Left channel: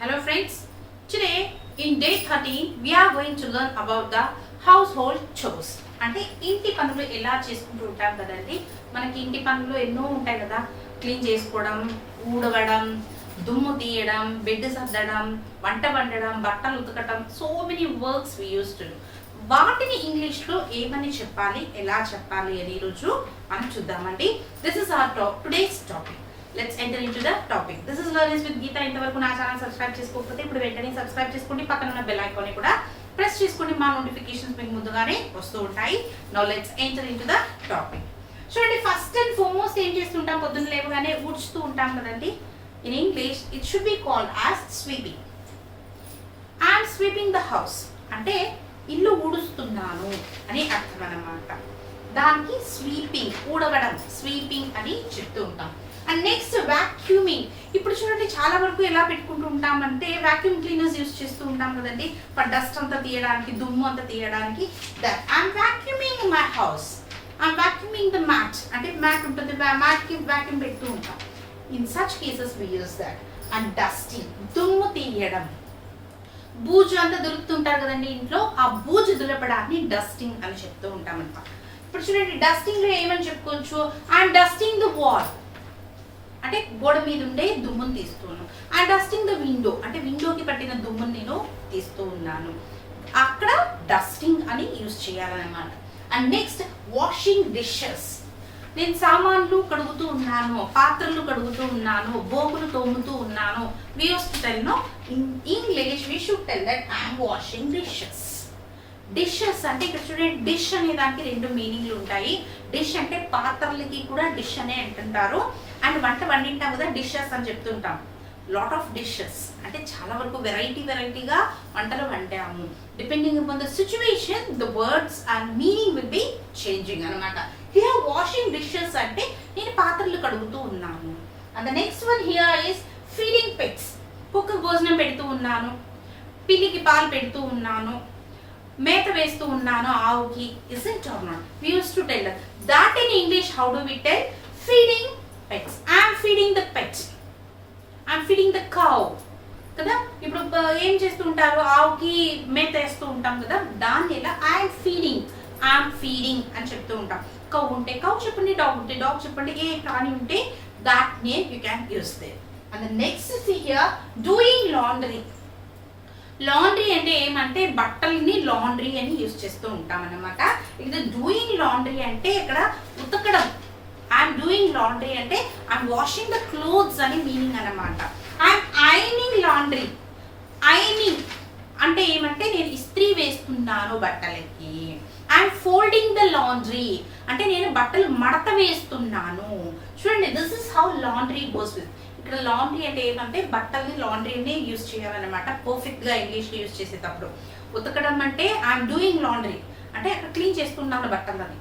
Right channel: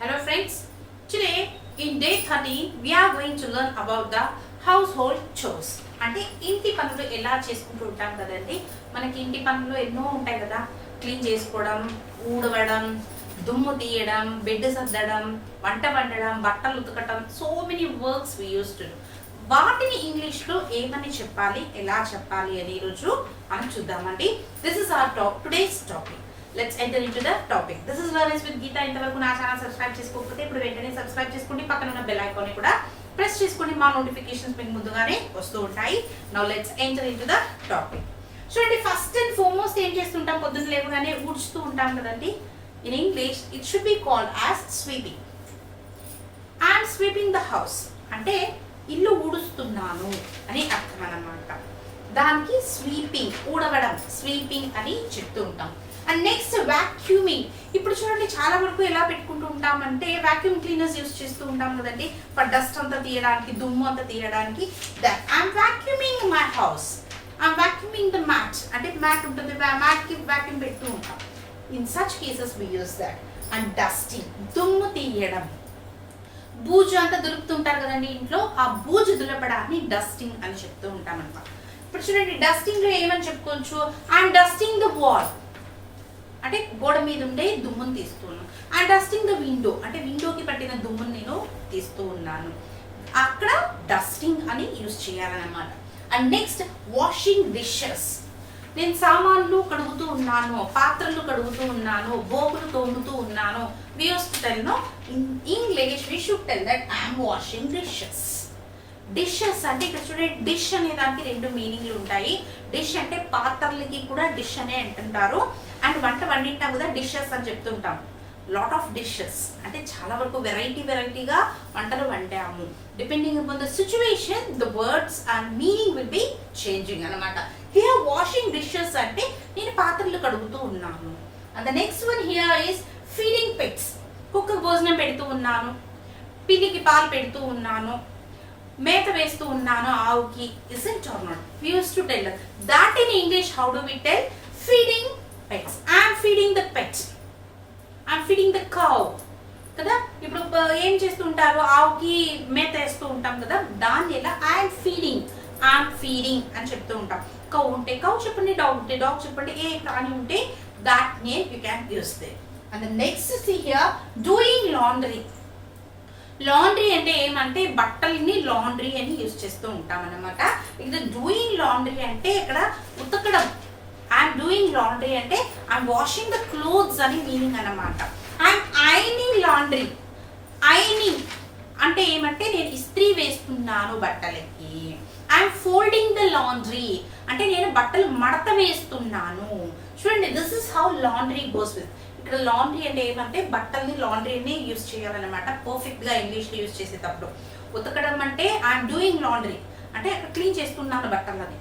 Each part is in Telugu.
Hello friends, today in day 13 we are going to learn about the household chores. అంటే ఇంటి పనులు ఎలా చేసుకుంటూ ఉంటాం కదండి. మనకి ఇంటి పనులు ఎన్నో ఉంటాయి కదా. క్లీన్ చేసుకోవడం, ఊడవడం, దుమ్ము తీయడం, బెడ్ సర్దడం, వంట వండడం, బట్టలు ఉతకడం, so many works we use to do. వాటిని ఇంగ్లీష్లో ఏమని చెప్పాలి, ఎలా చెప్పాలి అని ఈరోజు మనం చూద్దామండి. This is our today's topic. Let's enter into the topic. This is learnings with Geeta. ఇంతవరకు నా ఛానల్ సబ్స్క్రైబ్ చేసుకోకపోతే ఇప్పుడు వెంటనే సబ్స్క్రైబ్ చేసుకోండి. పక్కన ఉన్న బెల్ ఐకాన్ ని కూడా ప్రెస్ చేసుకోండి. మా నోటిఫికేషన్స్ మీకు ముందుగానే వస్తూ ఉంటాయి. Now let's enter into the topic. చూడండి, ఫస్ట్ అండ్ ఫార్మోస్ట్ ఏం చేస్తుంటాం, పొద్దున్న లేవగానే ఊడ్చుతూ ఉంటాం కదండి. In English it should be called as sweeping. I'm sweeping the house అంటే ఇల్లు ఊడుస్తున్నాను అని అర్థం అన్నమాట. దానికి స్వీపింగ్, ఊడవడం, స్వీపింగ్ అని చెప్తూ ఉంటాం. And next vacuuming. ఇప్పుడు చూడండి, చాలా వరకు ఎలా పెట్టుకుంటూ ఉంటామంటే వాక్యూమ్ క్లీనర్స్ యూస్ చేస్తూ ఉంటాం కదండి, డస్ట్ అంతా తీయడానికి, దుమ్ము అంతా తీయడానికి. That I'm vacuuming my house, I'm vacuuming the mat అంటే మ్యాట్ ఉంటుంది, మ్యాట్కి వాక్యూమ్ పెడుతూ ఉంటాం. In such cases we use that. And dusting, దుమ్ము తీయడం, బూజు అంతా దొరుకుతుంటారు కదండి ఇంట్లో, ఆ బూజు దులపడాన్ని డస్టింగ్ అని చెప్తూ ఉంటాం అనమాట. ఇప్పుడు చూడండి, డస్టింగ్ లో ఏమని చెప్పుకోవచ్చు, ఐఎమ్ డస్టింగ్ ద వాల్ అంటే గోడ మీద ఉండే దుమ్మును తీస్తున్నాను. అండ్ డస్టింగ్ ద విండో అంటే విండోకి పట్టిన దుమ్మును నేను తీస్తూ ఉన్నాను. అక్కడ డస్టింగ్ అని యూజ్ చేయాలన్నమాట. And next washing dishes. నేను సామాన్లు కడుగుతూ ఉన్నాను, పాత్రలు కడుగుతూ ఉన్నాను, బోకులు తోముతూ ఉన్నాను. We use to tell no in English we should tell that I am washing dishes. Dishes అంటే ఇక్కడ చూడండి, డిష్ అనే దానికి రెండు మీనింగ్లు ఉంటాయి. డిష్ అంటే పాత్రలకి కూడా డిష్ అనే అంటుంటారు. అండ్ వంట వండింటాం కదా, డిషెస్ అని చెప్తుంటాం. లాట్ ఆఫ్ డిషెస్ అంటే చాలా వరకు వెరైటీగా వంటలు వండాము. Depending upon the situation the words and meaning will be changing అనమాట. హియర్ వాషింగ్ డిషెస్ అంటే నేను పాత్రలు కడుగుతూ ఉన్నాను. And the next one here is feeding pets. కుక్కకు భోజనం పెడుతూ ఉన్నాను, పిల్లికి పాలు పెడుతూ ఉన్నాను, మేత వేస్తూ ఉన్నాను ఆవుకి. Isn't or not? We used to tell that in English. How do we tell? Feeding pets. I am feeding the pet. I am feeding the cow. కదా, ఇప్పుడు ఏం చేస్తూ ఉంటారు, ఆవుకి మేత వేస్తూ ఉంటాం కదా, దాన్ని ఎలా ఐఎమ్ ఫీడింగ్ అని చెప్తూ ఉంటాం. కౌ ఉంటే కౌ చెప్పండి, డాగ్ ఉంటే డాగ్ చెప్పండి, ఏ ప్రాణి ఉంటే that name you can use there. And next see here doing laundry. Laundry అంటే ఏమంటే బట్టల్ని లాండ్రీ అని యూజ్ చేస్తూ ఉంటాం అన్నమాట. ఇది డూయింగ్ లాండ్రీ అంటే ఇక్కడ ఉతకడం. ఐఎమ్ డూయింగ్ లాండ్రీ అంటే ఐఎమ్ వాషింగ్ ద క్లోత్స్ అని మీనింగ్ అన్నమాట. I'm ironing laundry. ఐనింగ్ అంటే ఏమంటే నేను ఇస్త్రీ వేస్తున్నాను బట్టలకి. ఐఎమ్ ఫోల్డింగ్ ద లాండ్రీ అంటే నేను బట్టలు మడత వేస్తున్నాను. చూడండి, this is how laundry goes with. ఇక్కడ లాండ్రీ అంటే ఏమంటే బట్టల్ని లాండ్రీని యూజ్ చేయాలన్నమాట. పర్ఫెక్ట్గా ఇంగ్లీష్లో యూజ్ చేసేటప్పుడు. ఉతకడం అంటే ఐఎమ్ డూయింగ్ లాండ్రీ అంటే అక్కడ క్లీన్ చేస్తున్నాను బట్టలని.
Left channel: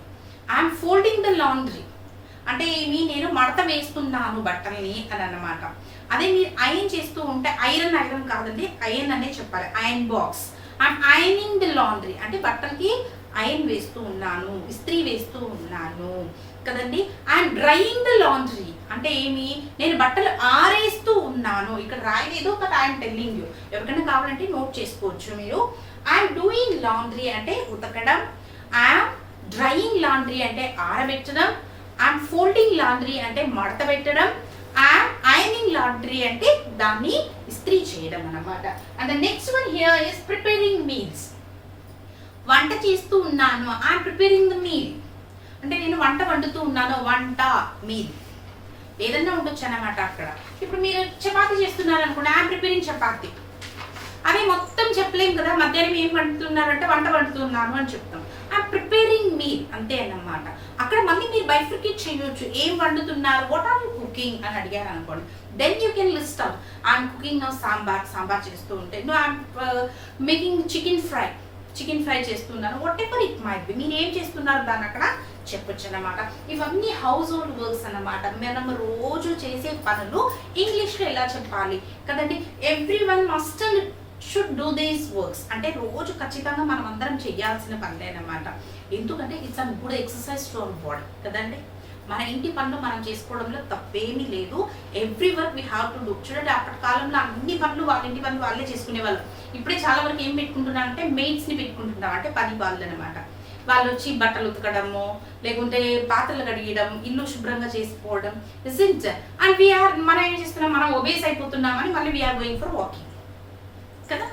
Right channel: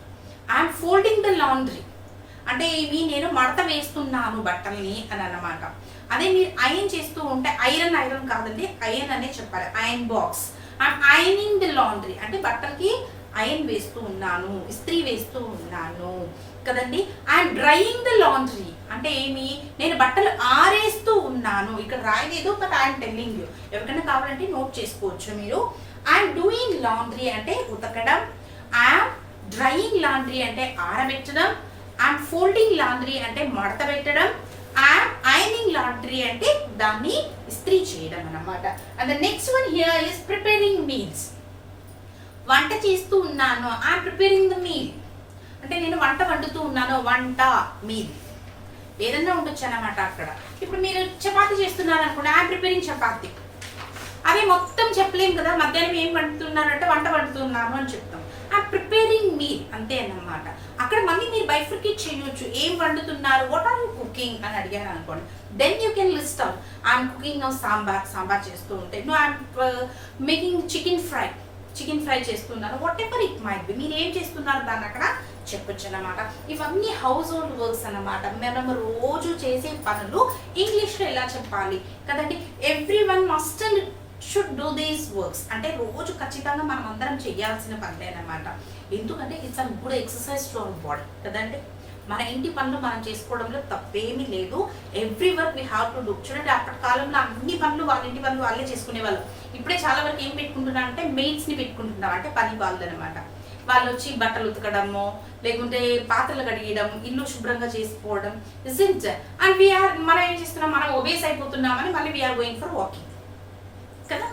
ఐఎమ్ ఫోల్డింగ్ ద లాండ్రీ అంటే ఏమి, నేను మడత వేస్తున్నాను బట్టల్ని అని అన్నమాట. అదే మీరు ఐరన్ చేస్తూ ఉంటే ఐరన్ కాదండి, ఐరన్ అనే చెప్పాలి. Iron box. I'm ironing the laundry అంటే బట్టలకి ఐరన్ వేస్తూ ఉన్నాను, ఇస్త్రీ వేస్తూ ఉన్నాను కదండి. ఐఎమ్ డ్రైయింగ్ ద లాండ్రీ అంటే ఏమి, నేను బట్టలు ఆరేస్తూ ఉన్నాను. ఇక్కడ రాయలేదు, బట్ ఐఎమ్ టెల్లింగ్ యూ. ఎవరికైనా కావాలంటే నోట్ చేసుకోవచ్చు మీరు. ఐఎమ్ డూయింగ్ లాండ్రీ అంటే ఉతకడం. ఐఎమ్ డ్రైయింగ్ లాండ్రీ అంటే ఆరబెట్టడం. ఐఎమ్ ఫోల్డింగ్ లాండ్రీ అంటే మడత పెట్టడం. ఐఎమ్ ఐరనింగ్ లాండ్రీ అంటే దాన్ని ఇస్త్రీ చేయడం అన్నమాట. And the next one here is preparing meals. వంట చేస్తూ ఉన్నాను. ఐఎమ్ ప్రిపేరింగ్ ద మీల్ అంటే నేను వంట వండుతూ ఉన్నాను. వంట, మీల్ ఏదన్నా ఉండొచ్చు అన్నమాట అక్కడ. ఇప్పుడు మీరు చపాతీ చేస్తున్నారు అనుకోండి, ఐఎమ్ ప్రిపేరింగ్ చపాతీ. అదే మొత్తం చెప్పలేం కదా, మధ్యాహ్నం ఏం వండుతున్నారంటే వంట వండుతున్నాను అని చెప్తాం. ఐఎమ్ ప్రిపేరింగ్ మీల్ అంతే అన్నమాట. అక్కడ మళ్ళీ మీరు బైఫర్కేట్ చేయొచ్చు, ఏం వండుతున్నారు, వాట్ ఆర్ యూ కుకింగ్ అని అడిగారు అనుకోండి. Then you can list out. I'm cooking sambar చేస్తూ ఉంటే, no I'm making chicken fry చేస్తున్నారు. Whatever it might be, మీరు ఏం చేస్తున్నారు దాన్ని అక్కడ చెప్పొచ్చు అన్నమాట. ఇవన్నీ హౌస్ హోల్డ్ వర్క్స్ అన్నమాట. మనం రోజు చేసే పనులు ఇంగ్లీష్లో ఎలా చెప్పాలి కదండి. Every one must and should do these works అంటే రోజు ఖచ్చితంగా మనం అందరం చేయాల్సిన పనులే అన్నమాట. ఎందుకంటే it's a good exercise to our body కదండి. మన ఇంటి పనులు మనం చేసుకోవడంలో తప్పేమీ లేదు. Every work we have to do. చూడండి, అప్పటి కాలంలో అన్ని పనులు వాళ్ళ ఇంటి పనులు వాళ్ళే చేసుకునేవాళ్ళు. ఇప్పుడే చాలా వరకు ఏం పెట్టుకుంటున్నారంటే మెయిడ్స్ని పెట్టుకుంటున్నారు, అంటే పని వాళ్ళు అనమాట. వాళ్ళు వచ్చి బట్టలు ఉతకడము, లేకుంటే పాత్రలు కడిగడం, ఇల్లు శుభ్రంగా చేసుకోవడం. అండ్ మనం ఏం చేస్తున్నాం, మనం ఒబేస్ అయిపోతున్నామని మళ్ళీ వీఆర్ గోయింగ్ ఫర్ వాకింగ్ కదా.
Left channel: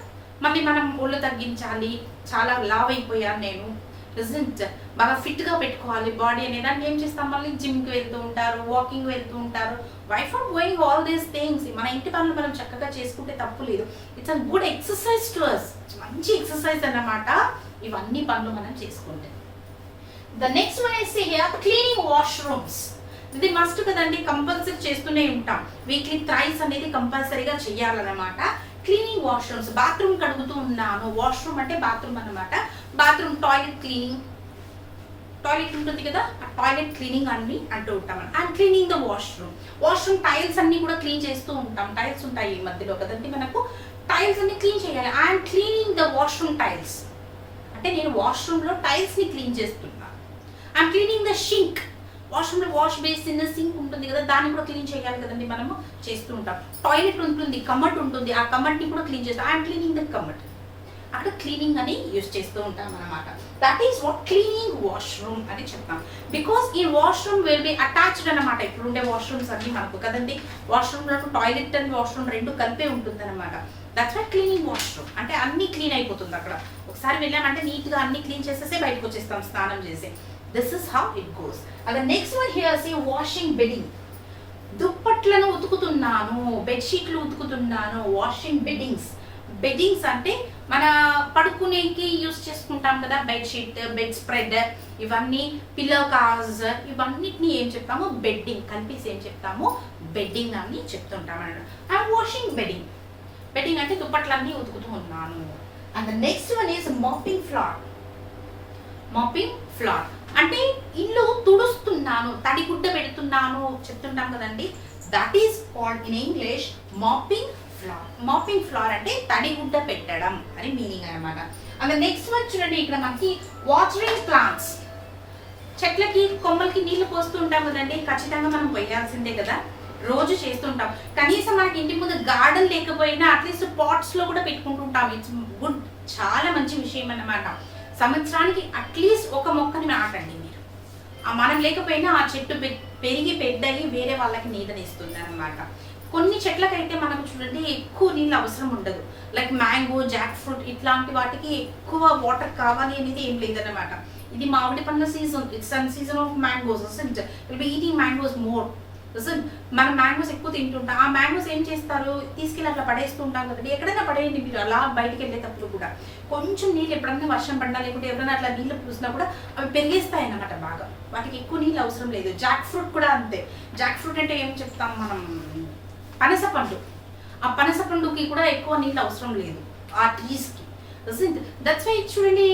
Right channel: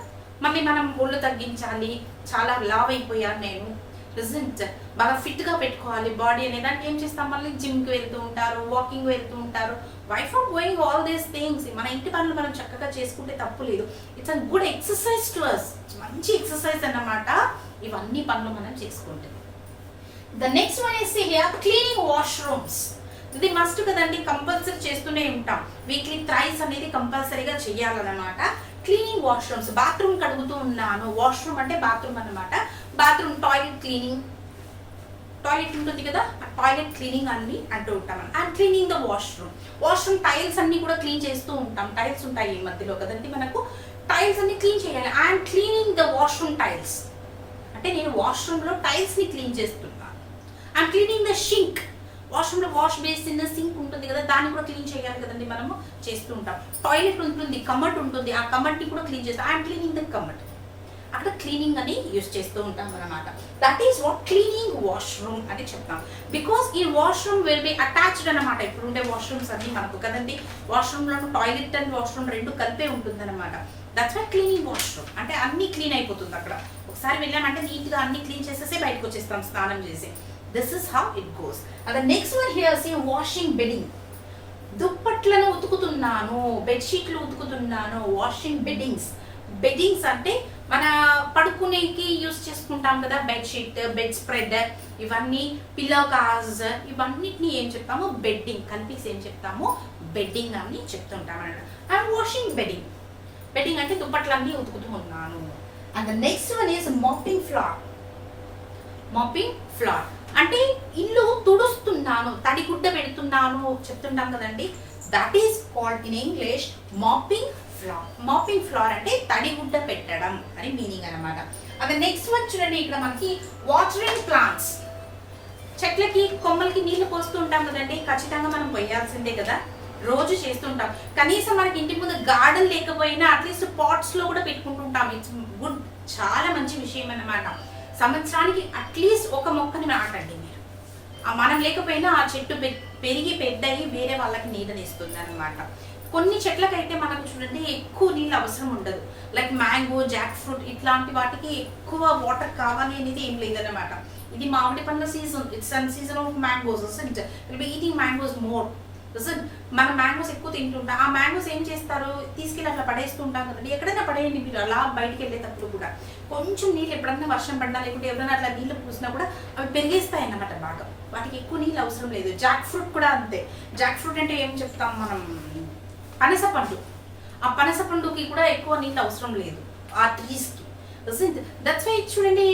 మళ్ళీ మనం ఒళ్ళు తగ్గించాలి, చాలా లావ్ అయిపోయాను నేను, బాగా ఫిట్గా పెట్టుకోవాలి బాడీ అనే దానికి ఏం చేస్తాం, మళ్ళీ జిమ్కి వెళ్తూ ఉంటారు, వాకింగ్ వెళ్తూ ఉంటారు. Why for going all these things? మన ఇంటి పనులు మనం చక్కగా చేసుకుంటే తప్పు లేదు. It's a good exercise to us, మంచి ఎక్సర్సైజ్ అన్నమాట ఇవన్నీ పనులు మనం చేసుకుంటే. The next one is here cleaning washrooms. ఇది మస్ట్ కదండి, కంపల్సరీ చేస్తూనే ఉంటాం. వీక్లీ థ్రైస్ అనేది కంపల్సరీగా చేయాలన్నమాట. క్లీనింగ్ వాష్రూమ్స్, బాత్రూమ్ కడుగుతూ ఉన్నాను. వాష్రూమ్ అంటే బాత్రూమ్ అన్నమాట. బాత్రూమ్ టాయిలెట్ క్లీనింగ్, టాయిలెట్ ఉంటుంది కదా, ఆ టాయిలెట్ క్లీనింగ్ అన్ని అంటూ ఉంటాం. And cleaning the washroom, washroom tiles అన్ని కూడా క్లీన్ చేస్తూ ఉంటాం. టైల్స్ ఉంటాయి ఈ మధ్యలో కదండి మనకు, టైల్స్ అన్ని క్లీన్ చేయాలి. I'm cleaning the washroom tiles అంటే నేను వాష్రూమ్లో టైల్స్ని క్లీన్ చేస్తున్నాను. ఐఎమ్ క్లీనింగ్ ద షింక్, వాష్రూమ్లో వాష్ బేసిన్ సింక్ ఉంటుంది కదా, దాన్ని కూడా క్లీన్ చేయాలి కదండి, మనము చేస్తూ ఉంటాం. టాయిలెట్ ఉంటుంది, కమట్ ఉంటుంది, ఆ కమట్ని కూడా క్లీన్ చేస్తాం. ఐఎమ్ క్లీనింగ్ ద కమట్, అక్కడ క్లీనింగ్ అని యూజ్ చేస్తూ ఉంటాం అనమాట. That is what cleaning washroom అని చెప్తాం. బికాస్ ఈ వాష్రూమ్ విల్ బి అటాచ్డ్ అనమాట. ఇప్పుడు ఉండే వాష్రూమ్స్ అన్ని మనకు కదండి, వాష్రూమ్లో టాయిలెట్ అండ్ వాష్రూమ్ రెండు కలిపే ఉంటుంది అనమాట. దట్స్ వై క్లీనింగ్ వాష్రూమ్ అంటే అన్ని క్లీన్ అయిపోతుంది అక్కడ. ఒకసారి వెళ్ళామంటే నీట్గా అన్ని క్లీన్ చేసేసే బయటకు వచ్చేస్తాం స్నానం చేసి. This is how it goes. And the next one here see washing bedding. దుప్పట్లను ఉతుకుతున్నాను, బెడ్షీట్లు ఉతుకుతున్నాను. వాషింగ్ బెడ్డింగ్స్, బెడ్డింగ్స్ అంటే మన పడుకునేకి యూస్ చేసుకుంటాం కదా, బెడ్షీట్, బెడ్ స్ప్రెడ్, ఇవన్నీ పిల్లో కవర్స్, ఇవన్నిటిని ఏం చెప్తాము, బెడ్డింగ్ కలిపేసి ఏం చెప్తాము, బెడ్డింగ్ అని చెప్తుంటాం అన్నమాట. అండ్ వాషింగ్ బెడ్డింగ్, బెడ్డింగ్ అంటే దుప్పట్లన్నీ ఉతుకుతూ ఉన్నాను. And the next one is mopping floor. Mopping floor అంటే ఇల్లు తుడుస్తున్నాను, తడిగుడ్డ పెడుతున్నాను చెప్తుంటాం కదండి. That is called in English mopping floor. Mopping floor అంటే తడిగుడ్డ పెట్టడం అని మీనింగ్ అనమాట. అండ్ నెక్స్ట్ వన్ చూడండి, ఇక్కడ మనకి వాటరింగ్ ప్లాంట్స్, చెట్లకి కొమ్మలకి నీళ్లు పోస్తూ ఉంటాం కదండి, ఖచ్చితంగా మనం పోయాల్సిందే కదా, రోజు చేస్తుంటాం. కనీసం మనకి ఇంటి ముందు గార్డెన్ లేకపోయినా అట్లీస్ట్ పాట్స్ లో కూడా పెట్టుకుంటుంటాం. ఇట్స్ గుడ్, చాలా మంచి విషయం అన్నమాట. సంవత్సరానికి అట్లీస్ట్ ఒక మొక్కని నాటండి మీరు. మనం లేకపోయినా ఆ చెట్టు పెరిగి పెద్దయి వేరే వాళ్ళకి నీడనిస్తుంది అనమాట. కొన్ని చెట్లకైతే మనకు చూడండి ఎక్కువ నీళ్ళు అవసరం ఉండదు. లైక్ మ్యాంగో, జాక్ ఫ్రూట్ ఇట్లాంటి వాటికి ఎక్కువ వాటర్ కావాలి అనేది ఏం లేదన్నమాట. ఇది మామిడి పండ్ల season, it's an season of mangoes. Will be eating mangoes more. మనం మ్యాంగోస్ ఎక్కువ తింటుంటాం. ఆ మ్యాంగోస్ ఏం చేస్తారు, తీసుకెళ్ళి అట్లా పడేస్తూ ఉంటాం కదండి. ఎక్కడైనా పడేయండి మీరు, అలా బయటకు వెళ్ళేటప్పుడు కూడా కొంచెం నీళ్ళు, ఎప్పుడన్నా వర్షం పడినా లేకుంటే ఎవరైనా అట్లా నీళ్ళు పూసినా కూడా అవి పెరిగేస్తాయి అన్నమాట బాగా. వాటికి ఎక్కువ నీళ్ళు అవసరం లేదు. జాక్ ఫ్రూట్ కూడా అంతే. జాక్ ఫ్రూట్ అంటే ఏం చెప్తాం మనం, పనస పండు. ఆ పనస పండుకి కూడా ఎక్కువ నీళ్ళు అవసరం లేదు ఆ ట్రీస్కి. దట్స్ వై చూడండి,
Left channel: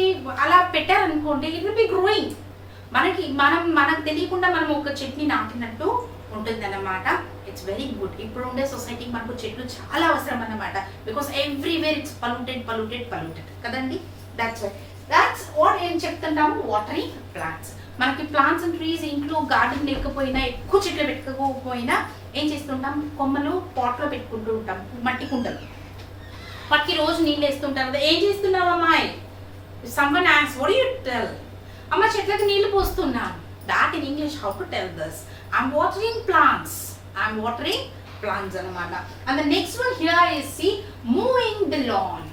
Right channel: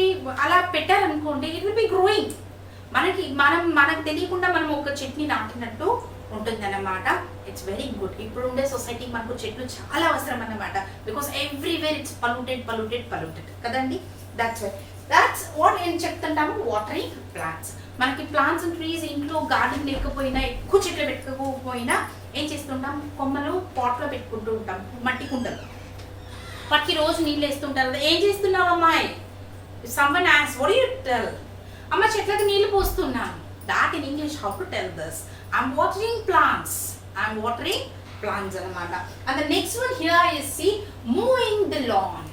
అలా పెట్టారనుకోండి, ఇట్ విల్ బి గ్రోయింగ్. మనకు తెలియకుండా మనం ఒక చెట్ని నాటినట్టు ఉంటుంది అన్నమాట. It's very good. ఇప్పుడు ఉండే సొసైటీకి మనకు చెట్లు చాలా అవసరం అన్నమాట. బికాస్ ఎవ్రీవేర్ ఇట్స్ పొల్యూటెడ్ కదండి. దట్స్ వాట్ ఏం చెప్తుంటాము, వాటరింగ్ ప్లాంట్స్. మనకి ప్లాంట్స్ అండ్ ట్రీస్ ఇంట్లో గార్డెన్ లేకపోయినా, ఎక్కువ చెట్లు పెట్టుకోకపోయినా ఏం చేస్తుంటాం, కొమ్మలు పాట్లో పెట్టుకుంటూ ఉంటాం, మట్టి కుండలు. వాటికి రోజు నీళ్ళు వేస్తుంటారు కదా. ఏం చేస్తున్నావు అమ్మాయి, someone asks what you tell, అమ్మ చెట్లకి నీళ్ళు పోస్తున్నాను. That in English how to tell this, I'm watering plants అనమాట. And the next one here is see mowing the lawn.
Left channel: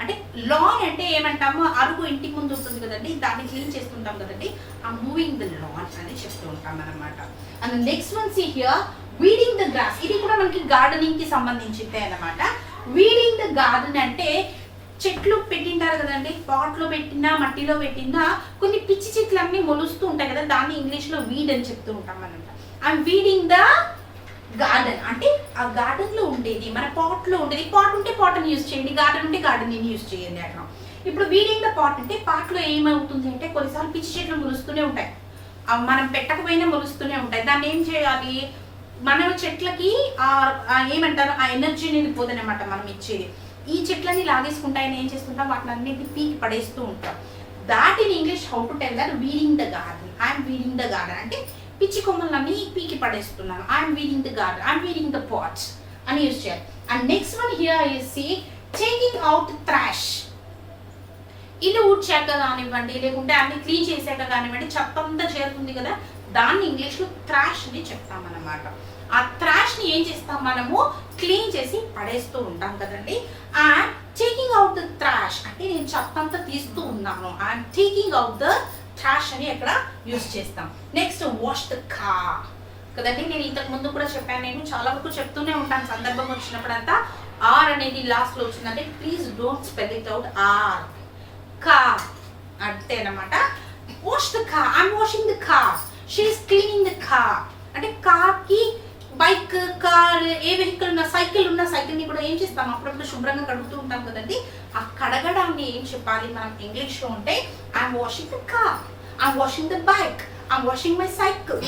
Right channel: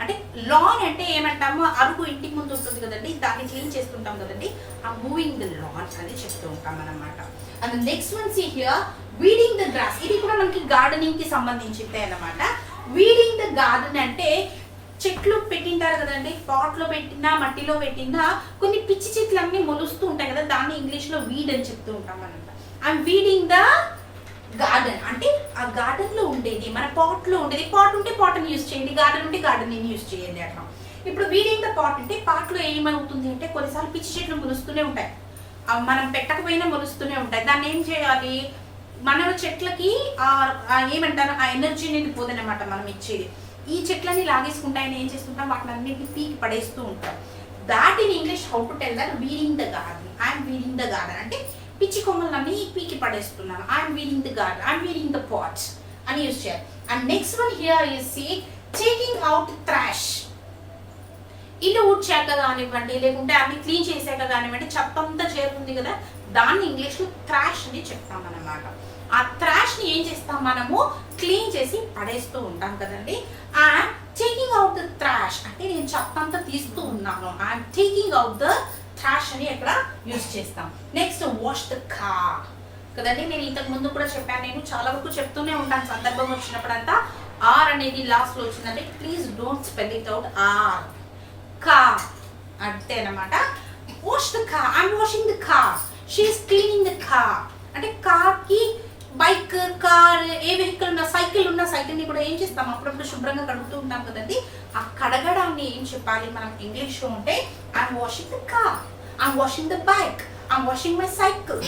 అంటే లాన్ అంటే ఏమంటాము, అరుగు ఇంటి ముందు ఉంటుంది కదండి, దాన్ని క్లీన్ చేస్తుంటాం కదండి. ఆ మూవింగ్ ద లాన్ అని చెప్తూ ఉంటాం అనమాట. And next one see here weeding the grass. ఇది కూడా మనకి గార్డెనింగ్ కి సంబంధించిందే అనమాట. వీడింగ్ ద గార్డెన్ అంటే చెట్లు పెట్టింటారు కదండి, పాట్లో పెట్టినా మట్టిలో పెట్టినా కొన్ని పిచ్చి చెట్లు అన్ని మొలుస్తూ ఉంటాయి కదా, దాన్ని ఇంగ్లీష్ లో వీడ్ అని చెప్తూ ఉంటాం అనమాట. అండ్ వీడింగ్ ద గార్డెన్ అంటే ఆ గార్డెన్ లో ఉండేది, మన పాట్ లో ఉండేది. పాట్ ఉంటే పాట్ అని యూజ్ చేయండి, గార్డెన్ ఉంటే గార్డెన్ యూజ్ చేయండి అట్లా. ఇప్పుడు వీడింగ్ ద పాట్ అంటే పాట్ లో ఏమవుతుంది అంటే కొన్నిసార్లు పిచ్చి చెట్లు మొలుస్తూనే ఉంటాయి, మనం పెట్టకపోయినా మొలుస్తూనే ఉంటాయి. దాన్ని ఏం చేయాలి, మన చెట్లకి ఏమంటారు, ఆ ఎనర్జీ అనేది పోదనమాట మనం ఇచ్చేది. ఈ చెట్లని లాగేసుకుంటాయని ఏం చేసుకుంటాం, వాటిని అన్నింటినీ పీకి పడేస్తూ ఉంటాం. That in English how to tell that weeding the garden. I'm weeding the garden అంటే పిచ్చి కొమ్మలన్నీ పీకి పడేస్తున్నాను. I'm weeding the garden, I'm weeding the pots అని యూజ్ చేయాలి. And next one here you see taking out trash. ఇల్లు ఊడ్చాక కానివ్వండి, లేకుంటే అన్ని క్లీన్ చేశాక కానివ్వండి, చెత్తంతా చేరుతుంది కదా, దాన్ని ఇంగ్లీష్లో ట్రాష్ అని చెప్తామన్నమాట. ఆ ట్రాష్ని ఏం చేస్తాం మనము, క్లీన్ చేసి పడేస్తూ ఉంటాం కదండి. And taking out the trash అంటే నేను చెత్తంతా తీస్తూ ఉన్నాను, and taking out the trash అని ఎక్కడ యూజ్ చేస్తాం. నెక్స్ట్ వాష్ ద కార్ కదండి. నేను ఇంతకు ముందు కూడా చెప్పాను, నేను చాలా వరకు చెప్తూనే ఉంటాను సందర్భం వచ్చినప్పుడంతా. ఆర్ అనేది లాస్ట్లో వచ్చిందంటే please don't spell it out R, car అంటే అనమాట. Wash the car, I'm washing the car, she is cleaning the car అంటే కార్కి, బైక్, కార్, ఏ వెహికల్ ఉన్న, సైకిల్ ఉన్న సైకిల్ని కూడా ఏం చేస్తాం, అప్పుడప్పుడు శుభ్రంగా కడుగుతూ ఉంటాం కదండి. ఆ కడగడాన్ని ఏం చెప్పాలి మనం ఇంగ్లీష్లో ఉంటే I'm washing the car, I'm washing the bike, I'm washing my cycle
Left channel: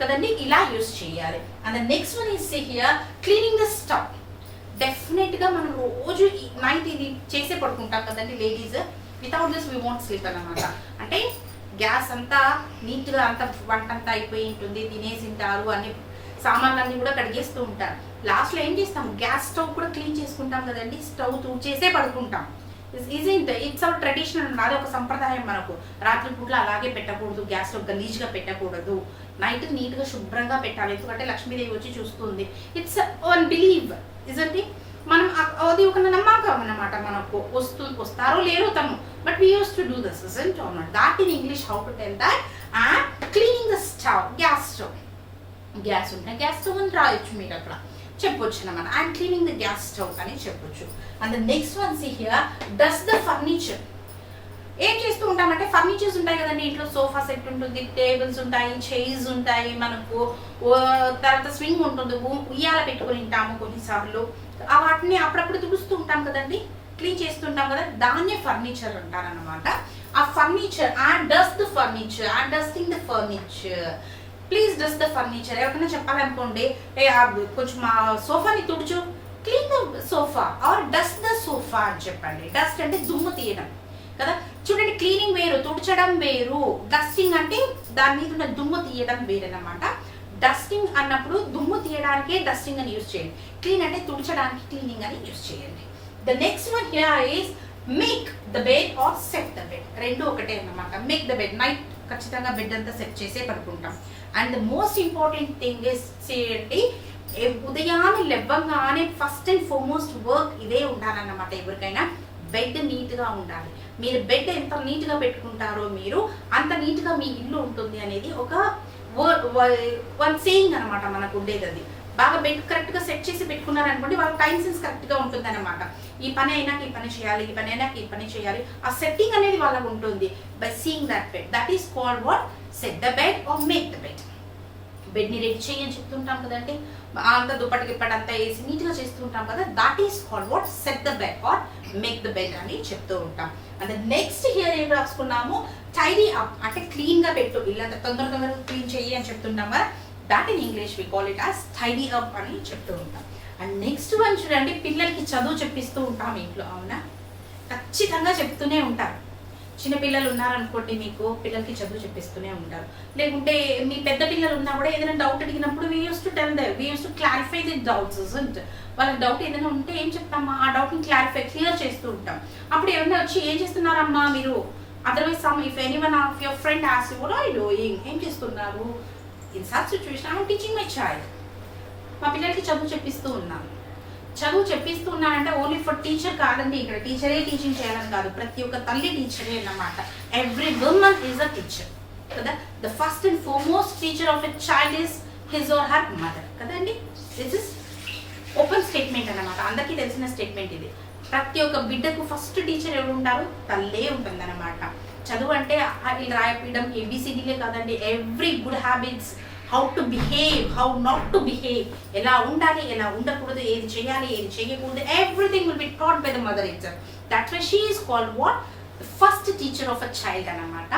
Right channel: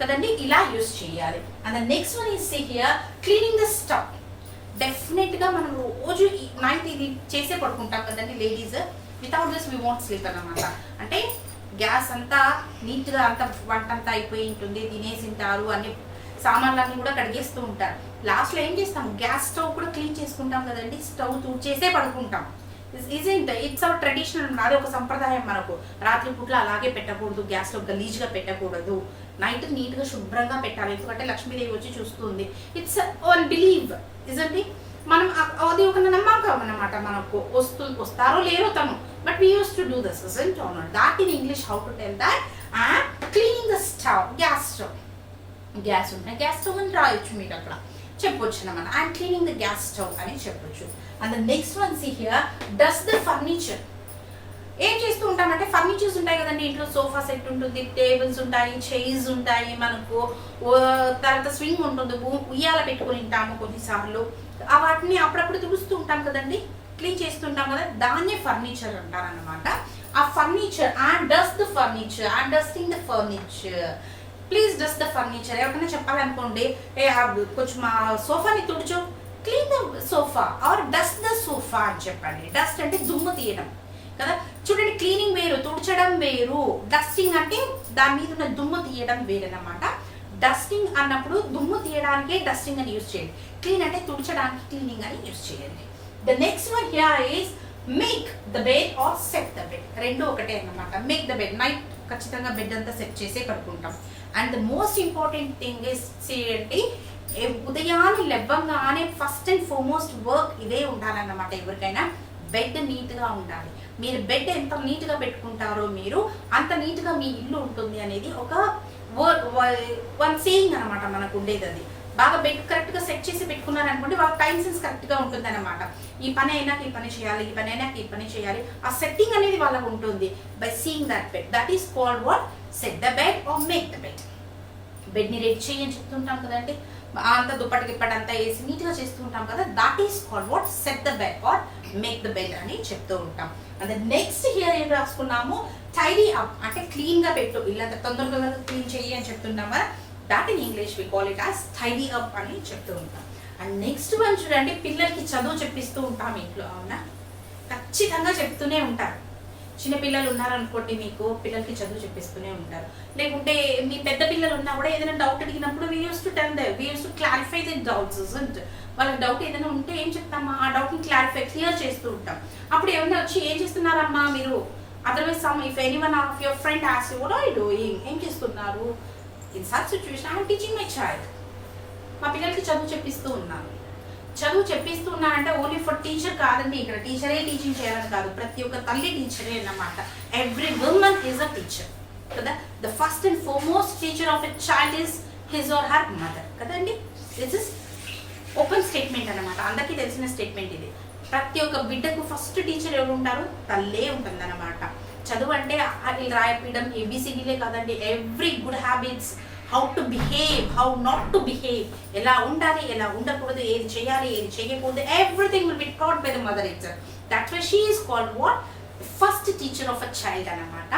కదండి, ఇలా యూజ్ చేయాలి. And the next one is here cleaning the stove. డెఫినెట్గా మనం రోజు నైట్ ఇది చేసే పడుకుంటాం కదండి ladies. Without this we want sleep అన్నమాట. అంటే గ్యాస్ అంతా నీట్గా అంతా వంట అంతా అయిపోయి ఉంటుంది, తినేసి ఉంటారు, అన్ని సామాన్లన్నీ కూడా కడిగేస్తూ ఉంటారు. లాస్ట్లో ఏం చేస్తాం, గ్యాస్ స్టవ్ కూడా క్లీన్ చేసుకుంటాం కదండి, స్టవ్ తుడిచేసే పడుకుంటాం. ఇట్స్ అవర్ ట్రెడిషనల్, అది ఒక సంప్రదాయం మనకు. రాత్రి పూట్ల అలాగే పెట్టకూడదు, గ్యాస్ స్టవ్ గలీజ్గా పెట్టకూడదు, నైట్ నీట్గా శుభ్రంగా పెట్టాలి, ఎందుకంటే లక్ష్మీదేవి వచ్చి చూస్తుంది. It's one believe isn't it. మనం అది ఒక నమ్మకం అన్నమాట, మనకు వస్తారో లేరో తను, but we use to do this isn't or not. That in English how to tell that. And cleaning the stove, gas stove, gas ఉంటాయి, గ్యాస్ స్టవ్ అని రాయొచ్చు మీరు అక్కడ, చెప్పొచ్చు అన్నమాట. I'm cleaning the gas stove అని చెప్పొచ్చు. And the next one see here dust the furniture. ఏం చేస్తూ ఉంటామంటే ఫర్నిచర్స్ ఉంటాయి కదండి ఇంట్లో, సోఫా సెట్ ఉంటుంది, టేబుల్స్ ఉంటాయి, చైర్స్ ఉంటాయి, మనకు తర్వాత స్వింగ్ ఉంటుంది, ఉయ్యాల పెట్టుకుని ఉంటాము కొన్నిసార్లు. వాటిని అప్పుడప్పుడు తుడుస్తూ ఉంటాం కదండి, క్లీన్ చేస్తుంటాం కదా, దాన్నే ఫర్నిచర్ అంటారన్నమాట. ఆ furniture and dust the furniture, and dusting the furniture, please dust the furniture. ఎవరికైనా చెప్పాలనుకోండి, కొంచెం మా సోఫాని తుడుచు, clean the sofa or dust the sofa అని చెప్పండి. డస్ట్ అంటే దుమ్ము తీయడం కదా. చూడండి, క్లీనింగ్ వేరు, తుడచడం వేరు. డస్టింగ్ అంటే దాని మీద ఉన్న దుమ్ము తీయడం వేరనమాట. డస్టింగ్ అన్నప్పుడు దుమ్ము తీయడానికే డస్టింగ్ అని యూజ్ చేయండి, క్లీన్ అంటే తుడచడానికి క్లీనింగ్ అని యూజ్ చేయండి. The next one here is make the bed or set the bed. రెండు ఒకటే అన్నమాట. మేక్ ద బెడ్, నైట్ ఖచ్చితంగా బెడ్ అంతా సెట్ చేసే పడుకుంటాం. And the most important thing is చేయండి, ఉదయాన్నే లేవగానే ఫస్ట్ అండ్ ఫార్మోస్ట్ వర్క్ ఇదే ఉండాలన్నమాట. ఎవరికైనా బెడ్ నీట్గా ఉండాలి. మీరు బెడ్ ఎంత నీట్గా పెట్టుకుంటారో మీరు అంత నీట్గా మీ ఇల్లు ఉంటుంది అనేది ఒక వన్ సేయింగ్ అనమాట మనకు ఉండేది. అది బాగా బెడ్ కరెక్ట్గా సెట్ చేసి పెట్టుకున్నారనుకోండి, వాళ్ళ టైం సెన్స్ కరెక్ట్గా ఉంటుంది అనమాట. ఈ పని అయినాక ఈ పని చేయాలి, ఈ పని అయినాక ఈ పని చేయాలి, ఆ సెట్టింగ్ అనేది వాళ్ళకు ఉంటుంది. By seeing that bed, that is called what, set the bed or make the bed. బెడ్ని రెడీ చేయని చెప్తుంటాం కదండి, అంతా దుప్పటి గిప్పటి అంతా వేసి నీట్గా చేస్తూ ఉంటాం కదా, that is called what, set the bed or make the bed అని చెప్తూ ఉంటాం. అండ్ నెక్స్ట్ హియర్ ఏం రాసుకున్నాము, టైడీ అప్ అంటే క్లీన్గా పెట్టు, ఇల్లంతా తొందరగా క్లీన్ చెయ్యి అని చెప్తున్నాం కదా, that in English we call it as tidy up అని చెప్తూ ఉంటాం. అండ్ నెక్స్ట్ వన్ చూడండి, పిల్లలకి చదువు చెప్పిస్తూ ఉంటాం ఇంట్లో, అవునా, ఖచ్చితంగా చెప్తూనే ఉంటారు. చిన్నపిల్లలు ఉన్నారనుకోండి, మీకు పిల్లలకి చదువు చెప్పిస్తూనే ఉంటారు. లేకుంటే మీ పెద్ద పిల్లలు ఉన్నా కూడా ఏదైనా డౌట్ అడిగినప్పుడు we use to tell them, we use to clarify the doubts. వాళ్ళకి డౌట్ ఏదైనా ఉంటే ఏం చెప్తామా, ఆ డౌట్ని క్లియర్ చేస్తూ ఉంటాం. అప్పుడు ఏమైనా వచ్చి ఏం చేస్తున్నారమ్మా మీరు, otherwise some if anyone of your friend asks you what are you doing, ఏం చేస్తున్నారు, in such situation I am teaching my child. మా పిల్లలకి చదువు చెప్పిస్తూ ఉన్నాను. చదువు చెప్పిస్తూ ఉన్నానంటే ఓన్లీ ఫర్ టీచర్ కాదండి, ఇక్కడ టీచరే టీచింగ్ చేయాలని కాదు, ప్రతి ఒక్క తల్లి టీచరే అన్నమాట. Every women is a teacher కదా. The first and foremost teacher of a child is his or her mother కదండి. దిస్ ఇస్ ఓపెన్ స్టేట్మెంట్ అన్నమాట, అందరికీ తెలిసిన స్టేట్మెంట్ ఇది. ప్రతి ఒక్క బిడ్డకు ఫస్ట్ టీచర్ ఎవరు ఉంటారు, తల్లే ఉంటుంది అన్నమాట. చదువు అంటే వీళ్ళు రాయపీయడం ఏబిసిడీలే కాదండి, every good habits, how to behave, how not to behave, ఎలా ఉండాలి, ఎలా ఉండకూడదు, ఏది చేయాలి, ఏది చేయకూడదు, everything will be taught by the mother itself. That's why she is called what, first teacher of a child అన్నమాట.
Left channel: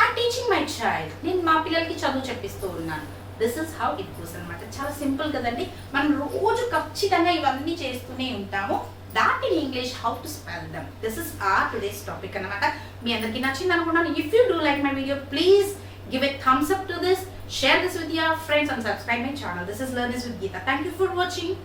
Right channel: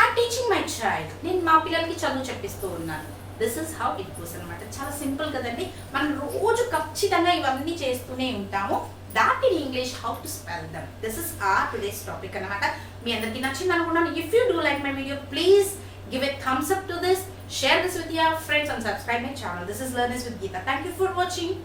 ఐఎమ్ టీచింగ్ మై చైల్డ్, నేను మా పిల్లలకి చదువు చెప్పిస్తూ ఉన్నాను. This is how it goes అనమాట. చాలా సింపుల్ కదండి, మనం రోజు ఖచ్చితంగా ఇవన్నీ చేస్తూనే ఉంటాము. That in English how to spell them. This is our today's topic అనమాట. మీ అందరికీ నచ్చింది అనుకున్నాను. If you do like my video, please give a thumbs up to this. Share this with your friends and subscribe my channel. This is Learners with Geeta. Thank you for watching.